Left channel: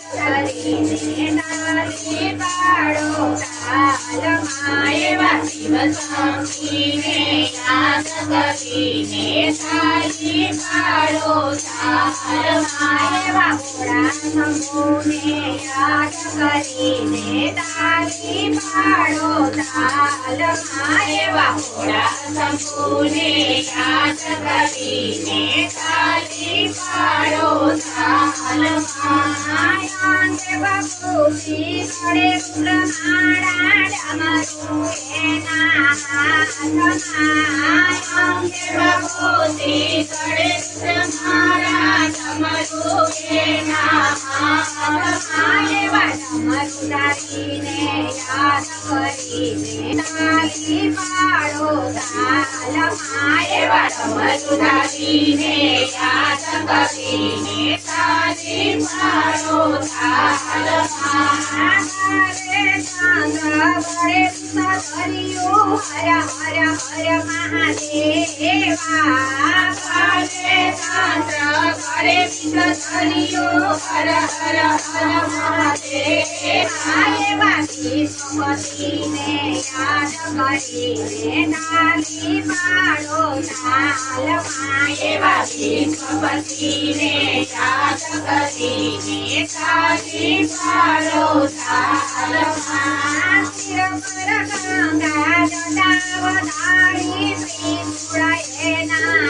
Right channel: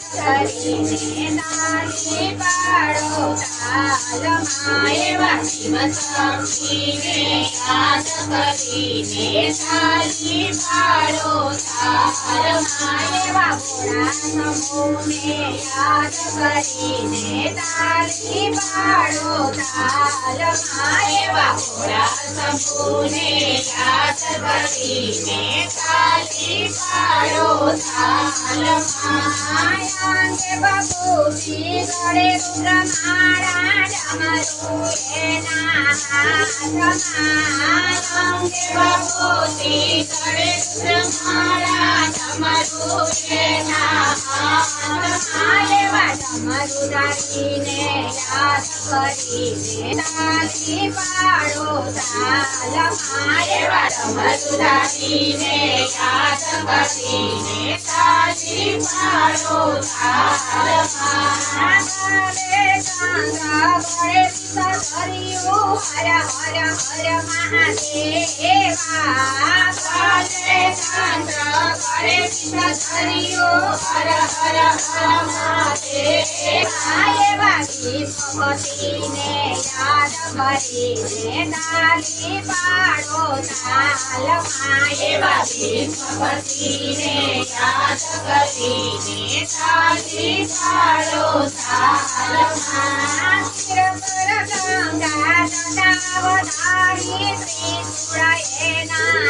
કરીને તાલી પાડો તાલમાં એવા શિવ શક્તિને યાદ કરીને તાલી પાડો તાલમાં એવા ભોળા શંભુને યાદ કરીને તાલી પાડો તાલમાં એવા ભોળા શંભુને યાદ કરીને તાલી પાડો તાલમાં અંગે બાપુજી ગળે રુદ્રમાળા ડમરુ એના હાથમાં અંગે બાપુજી ગળે રુદ્રમાળા ડમરુ એના હાથમાં એવા ડમરુ દારીને યાદ કરીને તાલી પાડો તાલમાં એવા ડમરુ દારીને યાદ કરીને તાલી પાડો તાલમાં ગળે ચંદ્ર ગળે વિષધર્યું હર હર હર મહાદેવા ગળે ચંદ્ર ગળે વિષધર્યું હર હર હર મહાદેવા એવા વિષ્ણુપતિને યાદ કરીને તાલી પાડો તાલમાં એવા વિષ્ણુપતિને યાદ કરીને તાલી પાડો તાલમાં શિર પર ગંગા જટાવતારી ત્રિશૂળ એના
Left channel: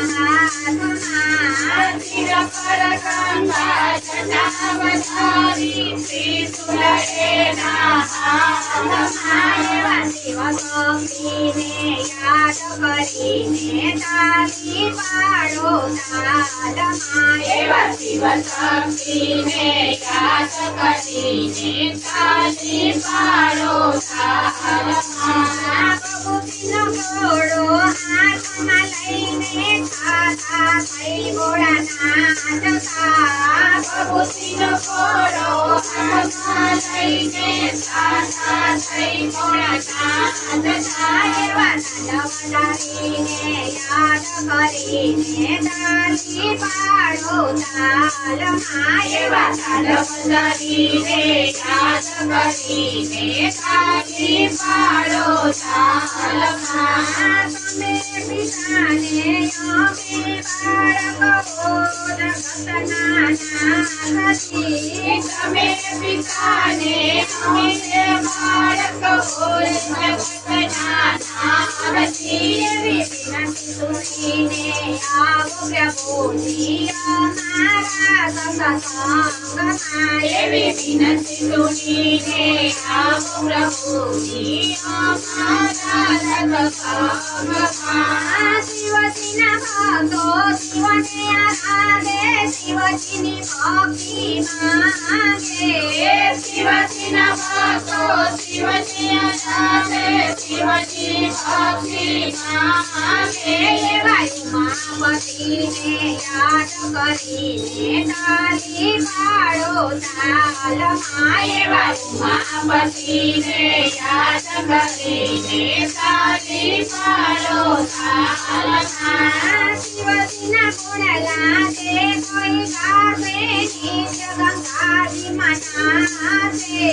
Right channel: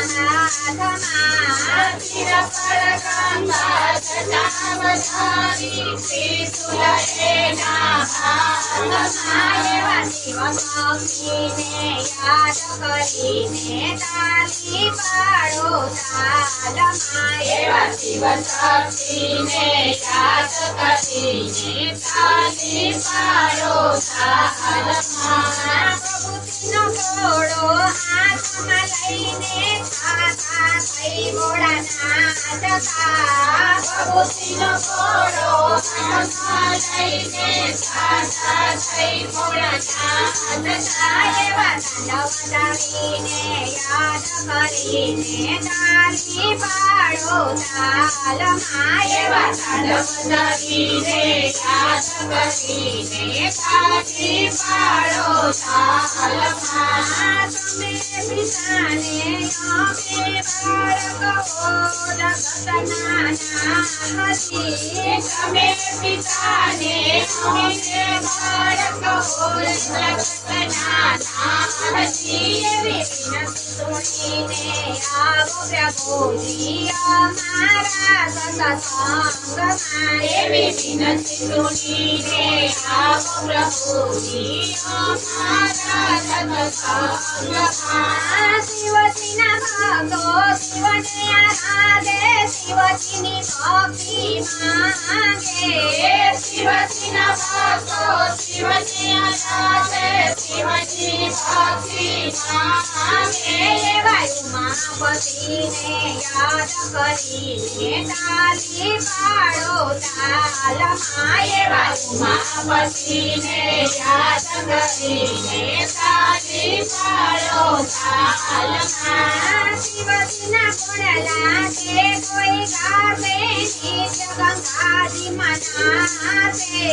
હાથમાં શિર પર ગંગા જટાવતારી ત્રિશૂળ એના હાથમાં એવા શિવ શક્તિને યાદ કરીને તાલી પાડો તાલમાં એવા શિવ શક્તિને યાદ કરીને તાલી પાડો તાલમાં પ્રભુજીનો ઘોડો હાથમાં લઈને થાતા થઈ ભોળાનાથ તા પ્રભુજીનો ઘોડો હાથમાં લઈને થાતા થઈ ભોળાનાથ તા એવા તાલવનારીને યાદ કરીને તાલી પાડો તાલમાં એવા તાલવનારીને યાદ કરીને તાલી પાડો તાલમાં તમે પિતાને અમે બાળકો જગતના નાથ તમે પિતાને અમે બાળકો જગતના નાથ એવી વિનંતી સુણીને આવો પ્રભુજી અમારા સત્સંગમાં એવી વિનંતી સુણીને આવો પ્રભુજી અમારા સત્સંગમાં શિવજીના ભક્તો શિવને આરાધે શિવજીની ભક્તિ માંગે શિવજીના ભક્તો શિવને આરાધે શિવજી ભક્તિ માંગે એવા ઉમાપતિને યાદ કરીને તાલી પાડો તાલમાં એવા ઉમાપતિને યાદ કરીને તાલી પાડો તાલમાં શિવજીના ગુણ લાગે કોઈ ગાશે નિત્ય ગંગાજી મનાશે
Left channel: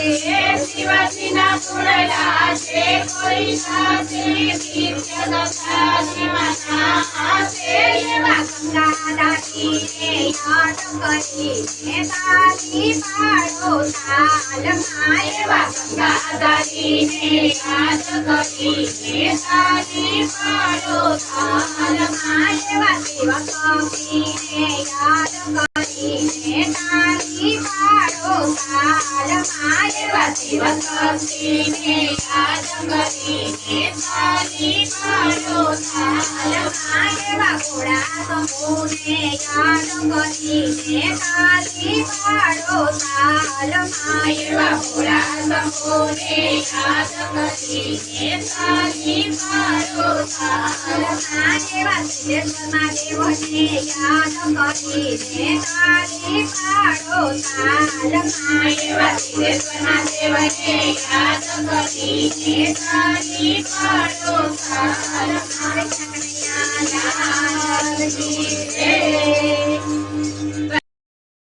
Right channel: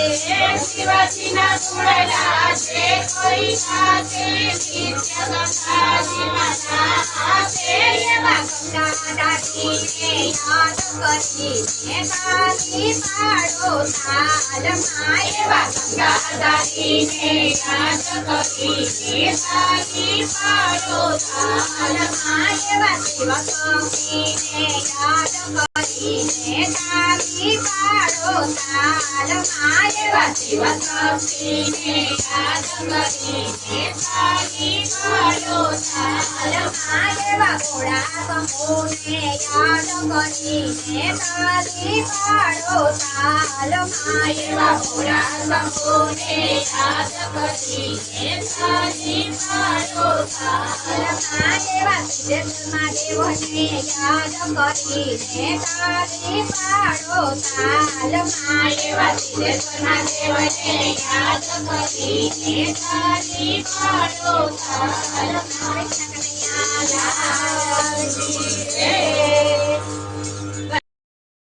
શિવજીના ગુણ લાગે કોઈ ગાશે નિત્ય ગંગાજી મનાશે એવા ગંગાદાસીને યાદ કરીને તાલી પાડો તાલમાં એવા ગંગાદાસીને યાદ કરીને તાલી પાડો તાલમાં એવા શિવ શક્તિને યાદ કરીને તાલી પાડો તાલમાં એવા શિવ શક્તિને યાદ કરીને તાલી પાડો તાલમાં એવા ભોળા શંભુને યાદ કરીને તાલી પાડો તાલમાં એવા ભોળા શંભુને યાદ કરીને તાલી પાડો તાલમાં એવા સિદ્ધેશ્વર મહાદેવને યાદ કરીને તાલી પાડો તાલમાં એવા સિદ્ધેશ્વર મહાદેવને યાદ કરીને તાલી પાડો તાલમાં કનૈયા લાલ કી જય।